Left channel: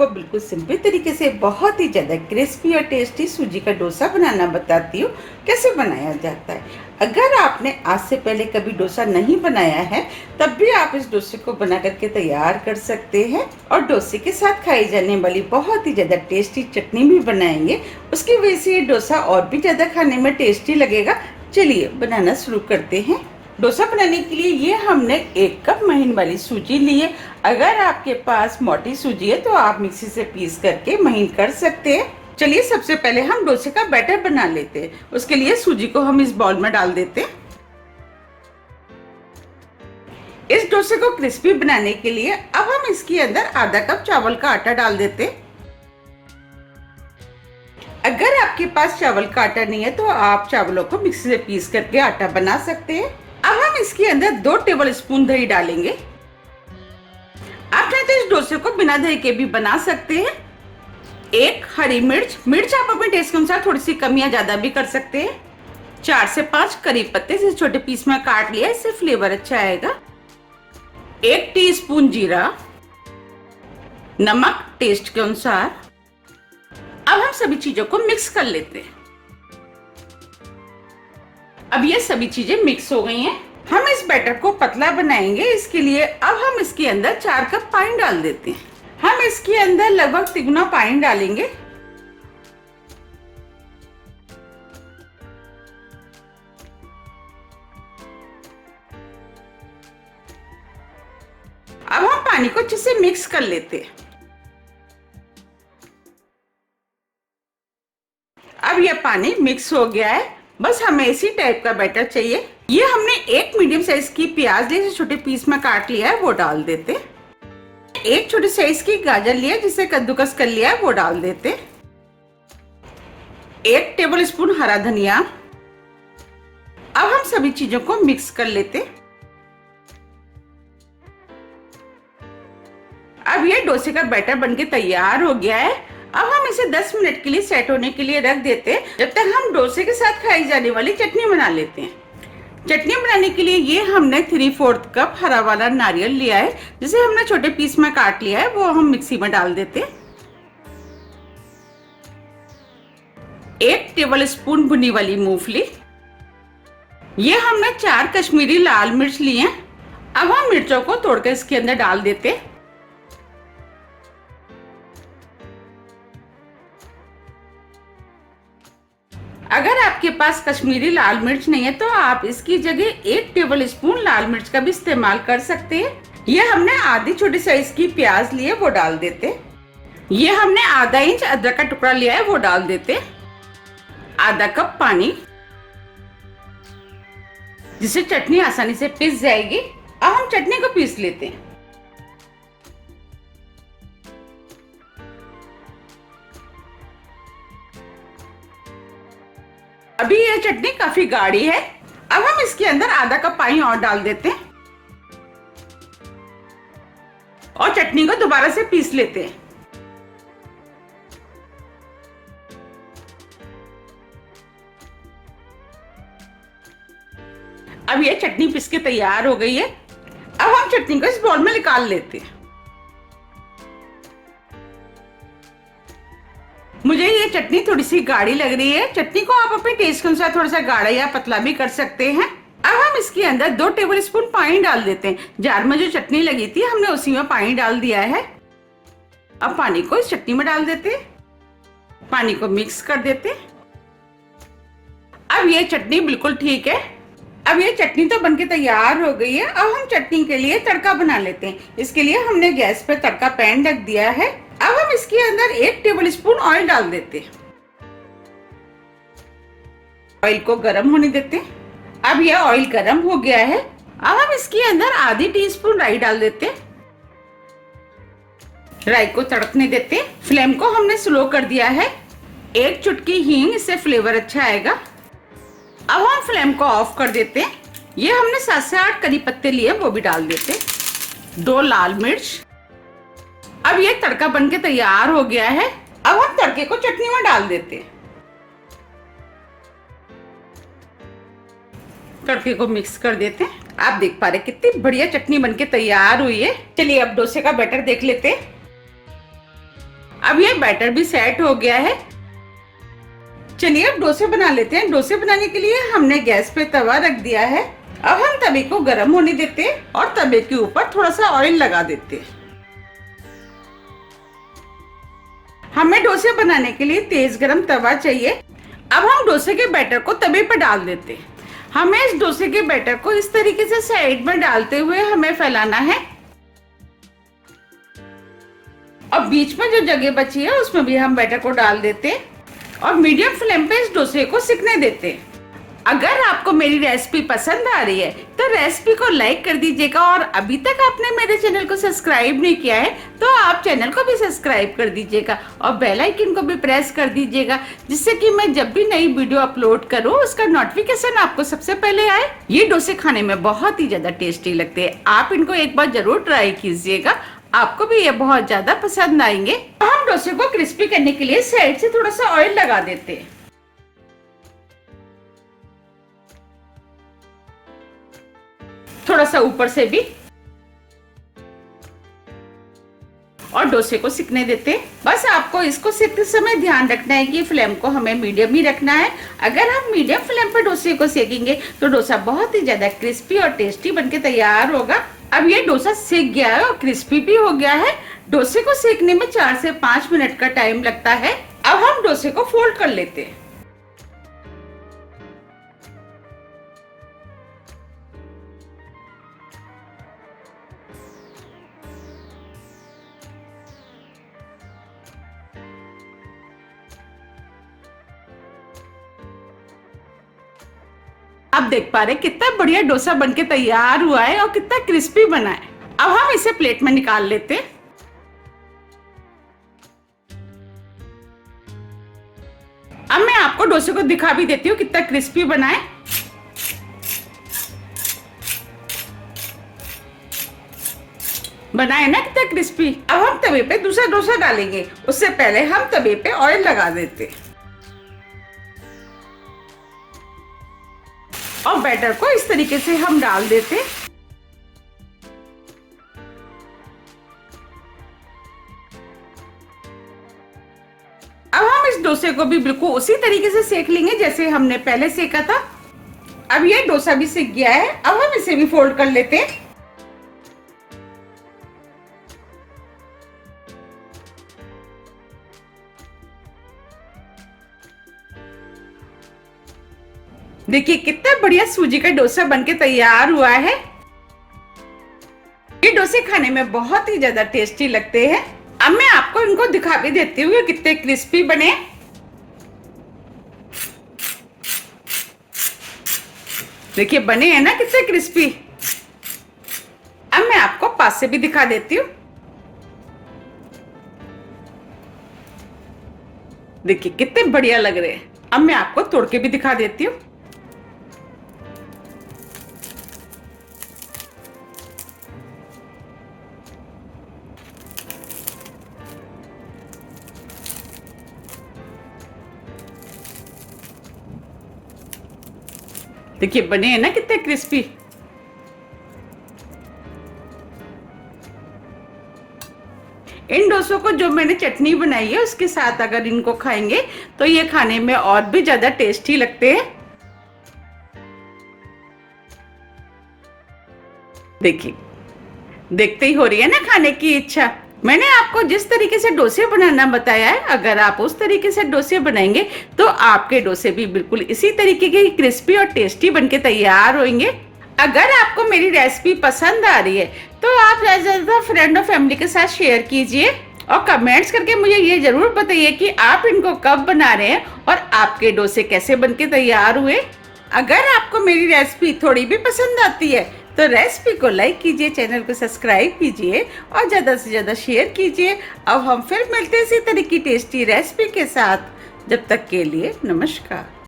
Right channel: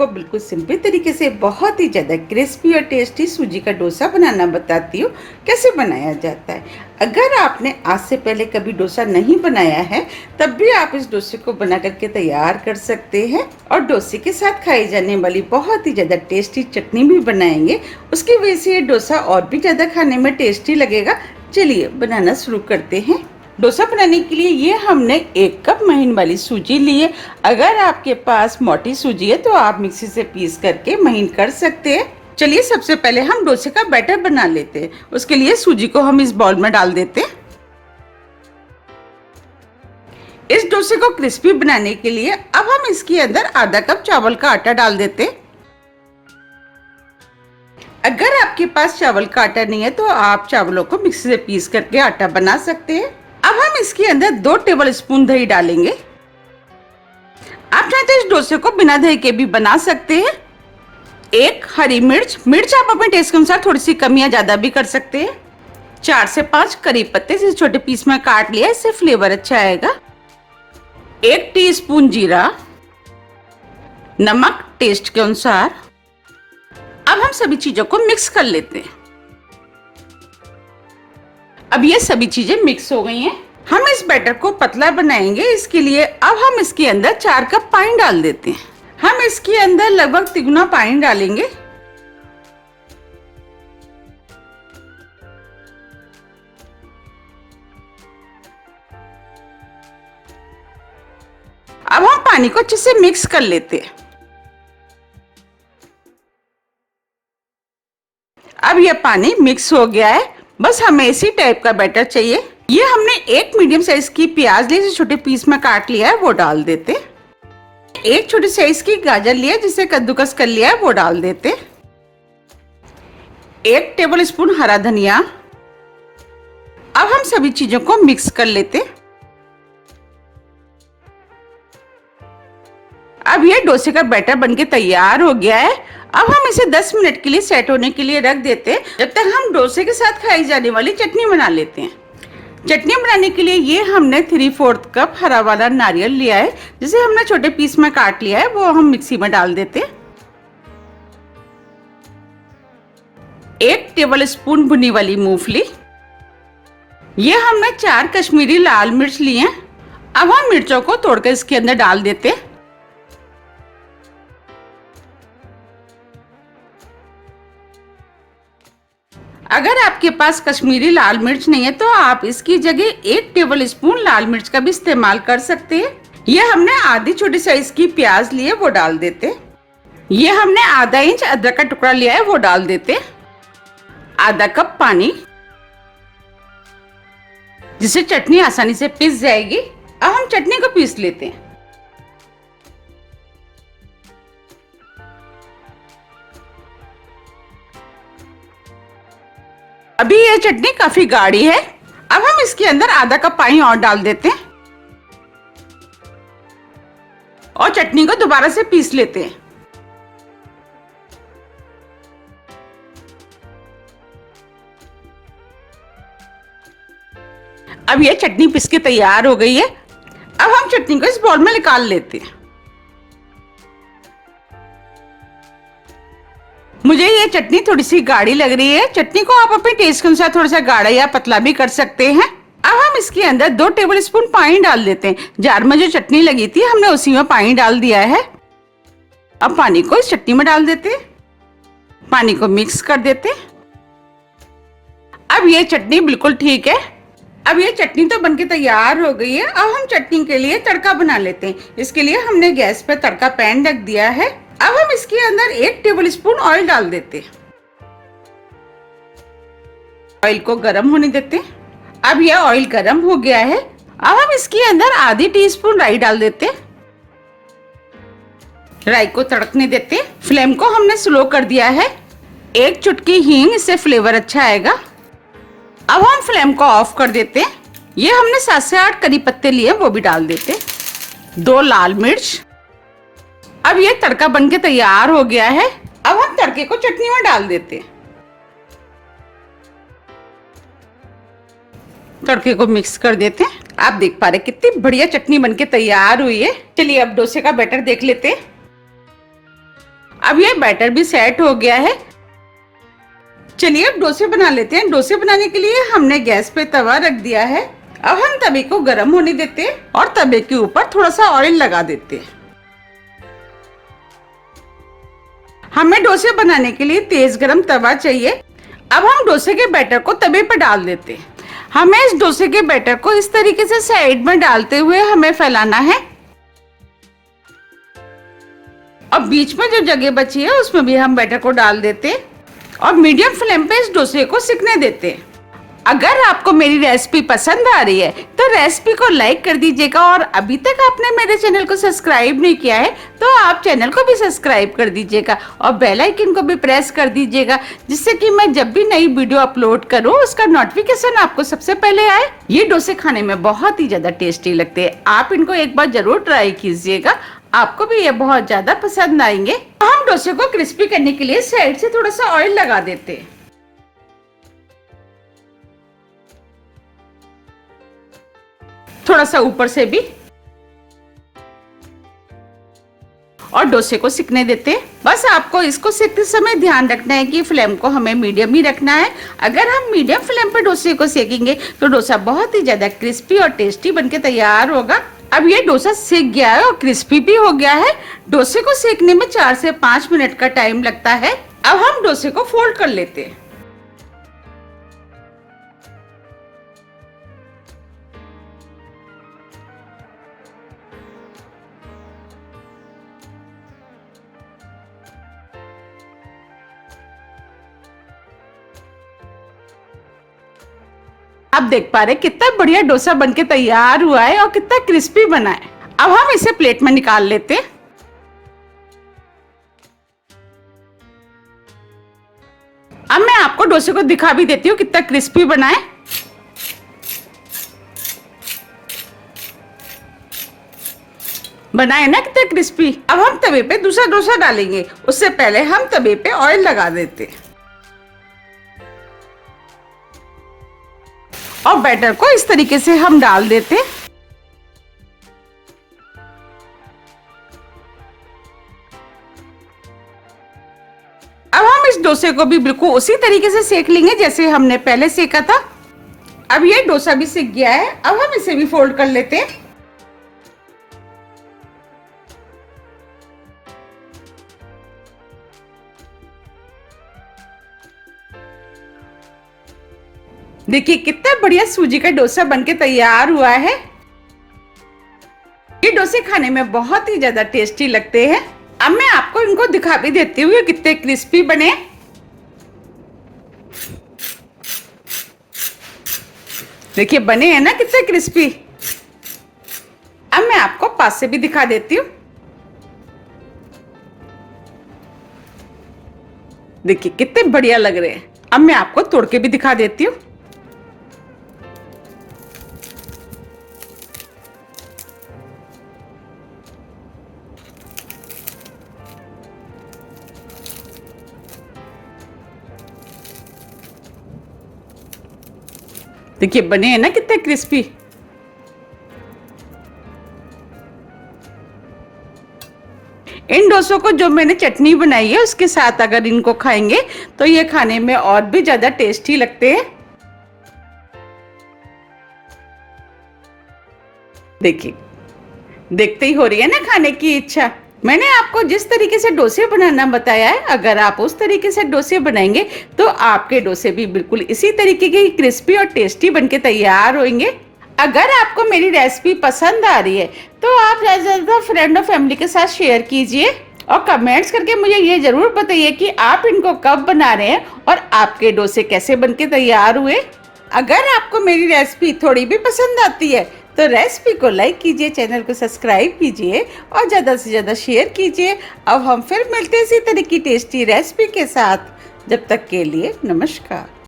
आपको बिल्कुल सिंपल तरीके से बहुत ही ज़्यादा क्रिस्पी और टेस्टी सूजी का डोसा बनाना बताती हूँ कैसे बनाया जाता है। अगर आपने आज से पहले कभी डोसा नहीं बनाया है तब भी आप इस डोसे को बना करके तैयार कर सकते हैं और डोसे के साथ खाई जाने वाली बहुत ही ज़्यादा टेस्टी चटनी भी बनाएंगे। उसकी वजह से ये डोसा और भी ज़्यादा खाने में टेस्टी लगेगा। चलिए बनाना शुरू करते हैं। डोसा बनाने के लिए ये हमने 1 कप महीन वाली सूजी ली है। अगर आपके पास मोटी सूजी है तो आप मिक्सी से पीस करके महीन कर सकते हैं। चलिए सबसे पहले हम डोसे का बैटर बना लेते हैं। उसके लिए सूजी को हम इस बाउल में डाल देते हैं। इस डोसे को क्रिस्पी बनाने के लिए अब हम इसके अंदर आधा कप चावल का आटा डाल देते हैं। अगर आपके पास चावल का आटा नहीं है तो आप चावलों को मिक्सी से पीस करके आटा बना सकते हैं। अब हम इसके अंदर 2 टेबल स्पून दही डालेंगे। आप चाहे तो इस डोसे को बिना दही के भी बना सकते हैं। 1 हरी मिर्च आप अपने टेस्ट के अनुसार थोड़ी सी कम या ज्यादा भी कर सकते हैं। 4 से 5 करी पत्ते जिसे छोटे पीस में काट लिया, इससे फ्लेवर अच्छा आएगा। 1 टीस्पून जीरा, नमक टेस्ट के अनुसार। अब हम सभी चीजों को मिक्स कर लेते हैं। अब ये सभी चीजें मिक्स हो गई हैं। हम इस बैटर को पतला बनाएंगे। इसके लिए अब हम इसके अंदर 4 कप पानी डाल देते हैं। हम इसके अंदर लगभग 3 गुना पानी डालेंगे। अब हम पानी को अच्छे से मिक्स कर लेते हैं। अब यह पानी मिक्स हो गया है। बस हमें इसी टाइप का बैटर चाहिए। ये हमने 1 मीडियम साइज की प्याज ली, जिसे छोटे पीस में काट लिया है, वो डाल देते। 1 छोटी साइज की गाजर लिया, जिसे कद्दूकस कर लिया है, वो डाल देते। 1 टेबल स्पून हरा धनिया। अब हम सभी चीजों को मिक्स कर लेते। अब ये डोसे का बैटर बनके तैयार हो गया है। अब हम इसे 10 मिनट के लिए सेट होने के लिए रख देते हैं, जब तक हम डोसे के साथ खाई जाने वाली चटनी बना लेते हैं। चटनी बनाने के लिए ये हमने 3/4 कप हरा वाला नारियल लिया है, जिसे हमने छोटे पीस में काट लिया है, वो हम मिक्सी में डाल देते हैं। 1 टेबल स्पून भुनी वाली मूंगफली। ये हमने 4 कश्मीरी लाल मिर्च लिए हैं। अब हम मिर्चों को तोड़कर इसके अंदर डाल देते हैं। अगर आपके पास कश्मीरी लाल मिर्च नहीं है तो आप इसकी जगह 1 टेबल स्पून लाल मिर्च का भी इस्तेमाल कर सकते हैं। ये हमने आधी छोटी साइज की प्याज ली है, वो डाल देते। ये हमने आधा इंच अदरक का टुकड़ा लिया है, वो डाल देते। आधा कप पानी, जिससे चटनी आसानी से पिस जाएगी। अब हम चटनी को पीस लेते हैं। अभी यह चटनी काफी गाढ़ी है। अब हम इसके अंदर आधा कप पानी और डाल देते हैं और चटनी को दोबारा से पीस लेते हैं। अब यह चटनी पिस के तैयार हो गई है। अब हम चटनी को इस बाउल में निकाल लेते हैं। मुझे ये चटनी थोड़ी सी गाढ़ी लग रही है। चटनी को आप अपने टेस्ट के अनुसार थोड़ा सा गाढ़ा या पतला भी कर सकते हैं। अब हम इसके अंदर 2 टेबल स्पून पानी डाल देते हैं। जार में जो चटनी लगी थी हमने उसी में पानी डाल दिया है। अब पानी को इस चटनी में डाल देते हैं। पानी को मिक्स कर देते। अब ये चटनी बिल्कुल ठीक है। अब ये चटनी तो बनके तैयार हो गई है। अब हम चटनी के लिए तड़का बना लेते हैं। इसके लिए हमने गैस पे तड़का पैन रख दिया है। अब हम इसके अंदर 1 टेबल स्पून ऑयल डाल देते। ऑयल को गर्म होने देते। अब यह ऑयल गर्म हो गया है। अब हम इसके अंदर आधी टीस्पून राई डाल देते। राई को तड़कने देते। फ्लेम को हमने स्लो कर दिया है। 1 चुटकी हींग, इससे फ्लेवर अच्छा आएगा। अब हम फ्लेम को ऑफ कर देते। ये हमने 7 से 8 करी पत्ते लिए, वो भी डाल देते। 2 लाल मिर्च। अब ये तड़का बनके तैयार हो गया है। अब हम तड़के को चटनी में डाल देते। तड़के को मिक्स कर देते हैं। आप देख पा रहे कितनी बढ़िया चटनी बनके तैयार हुई है। चलिए अब डोसे का बैटर देख लेते हैं। अब ये बैटर भी सेट हो गया है। चलिए अब डोसे बना लेते हैं। डोसे बनाने के लिए हमने गैस पे तवा रख दिया है। अब हम तवे को गर्म होने देते हैं और तवे के ऊपर थोड़ा सा ऑयल लगा देते हैं। हमें डोसे बनाने के लिए तेज गरम तवा चाहिए। अब हम डोसे के बैटर को तवे पर डाल देते हैं। हमें इस डोसे के बैटर को इस तरीके से साइड में डालते हुए हमें फैलाना है। अब बीच में जो जगह बची है उसमें भी हम बैटर को डाल देते हैं और मीडियम फ्लेम पे इस डोसे को सिकने देते हैं। अगर आपको मेरी रेसिपी पसंद आ रही है तो रेसिपी को लाइक कर दीजिएगा और अभी तक आपने मेरे चैनल को सब्सक्राइब नहीं किया है तो आप चैनल को भी सब्सक्राइब कर दीजिएगा और बेल आइकन को भी प्रेस कर दीजिएगा, जिससे कि मैं जब भी नई वीडियो अपलोड करूं उसका नोटिफिकेशन आपको सबसे पहले आए। ये डोसे खाने में बहुत ही ज्यादा टेस्टी लगते हैं। आप इनको एक बार जरूर ट्राई कीजिएगा, आपको भी ये बहुत ज्यादा पसंद आएंगे। हम डोसे को क्रिस्पी करने के लिए साइड से थोड़ा सा ऑयल लगा देते हैं। थोड़ा सा ऊपर से भी और डोसे को सिकने देते हैं। बस आपको इसको सेकते समय ध्यान रखना है कि फ्लेम को हमें मीडियम ही रखना है। अगर हम मीडियम फ्लेम पे डोसे को सेकेंगे तो डोसा बहुत ही ज्यादा क्रिस्पी और टेस्टी बनके तैयार होगा। अब ये डोसा सेक गया है और क्रिस्पी भी हो गया है। डोसे को सेकने में 4 से 5 मिनट का टाइम लगता है। अब हम डोसे को फोल्ड कर लेते हैं। आप देख पा रहे कितना बढ़िया डोसा बनके तैयार हुआ है और कितना क्रिस्पी बना है। अब हम इसे प्लेट में निकाल लेते हैं। अब मैं आपको डोसे को दिखा भी देती हूँ कितना क्रिस्पी बना है। बना है ना कितना क्रिस्पी। अब हम तवे पे दूसरा डोसा डालेंगे, उससे पहले हम तवे पे ऑयल लगा देते हैं और बैटर को इस तरीके से हम डाल देते। अब हम इस डोसे को भी बिल्कुल उसी तरीके से सेक लेंगे जैसे हमने पहले सेका था। अब ये डोसा भी सिक गया है। अब हम इसे भी फोल्ड कर लेते हैं। देखिए कितना बढ़िया सूजी का डोसा बनके तैयार हुआ है। ये डोसे खाने में बहुत ही ज्यादा टेस्टी लगते हैं। अब मैं आपको इनको दिखा भी देती हूँ कितने क्रिस्पी बने। देखिए बने हैं ना कितने क्रिस्पी। अब मैं आपको पास से भी दिखा देती हूँ। देखिए कितने बढ़िया लग रहे हैं। अब मैं आपको तोड़ के भी दिखा देती हूँ। देखिए बने हैं ना कितने क्रिस्पी। इन डोसों को जो मैंने चटनी बनाई है उसके साथ अगर इनको खाएंगे तो ये खाने में और भी ज्यादा टेस्टी लगते हैं। देखिए देखते ही हो रही है ना खाने की इच्छा। मैंने आपको जिस तरीके से डोसे बनाना बताया है, अगर आप उस तरीके से डोसे बनाएंगे तो आपके डोसे भी बिल्कुल इसी तरीके के क्रिस्पी और टेस्टी बनके तैयार होंगे। अगर आपको मेरी रेसिपी पसंद आ रही है तो आप ज्यादा फ्रेंड और फैमिली के साथ शेयर कीजिए और कमेंट्स करके मुझे ये जरूर बताइए कि आप इनको कब बना रहे हैं और आपके डोसे कैसे बनके तैयार हुए। अगर आपको मेरी रेसिपी थोड़ी भी पसंद आती है तो रेसिपी को लाइक कीजिए, चैनल को सब्सक्राइब कीजिए और ज़्यादा से ज़्यादा शेयर कीजिए। अब हम फिर मिलते हैं इसी तरह की टेस्टी रेसिपी के साथ। जब तक के लिए नमस्कार।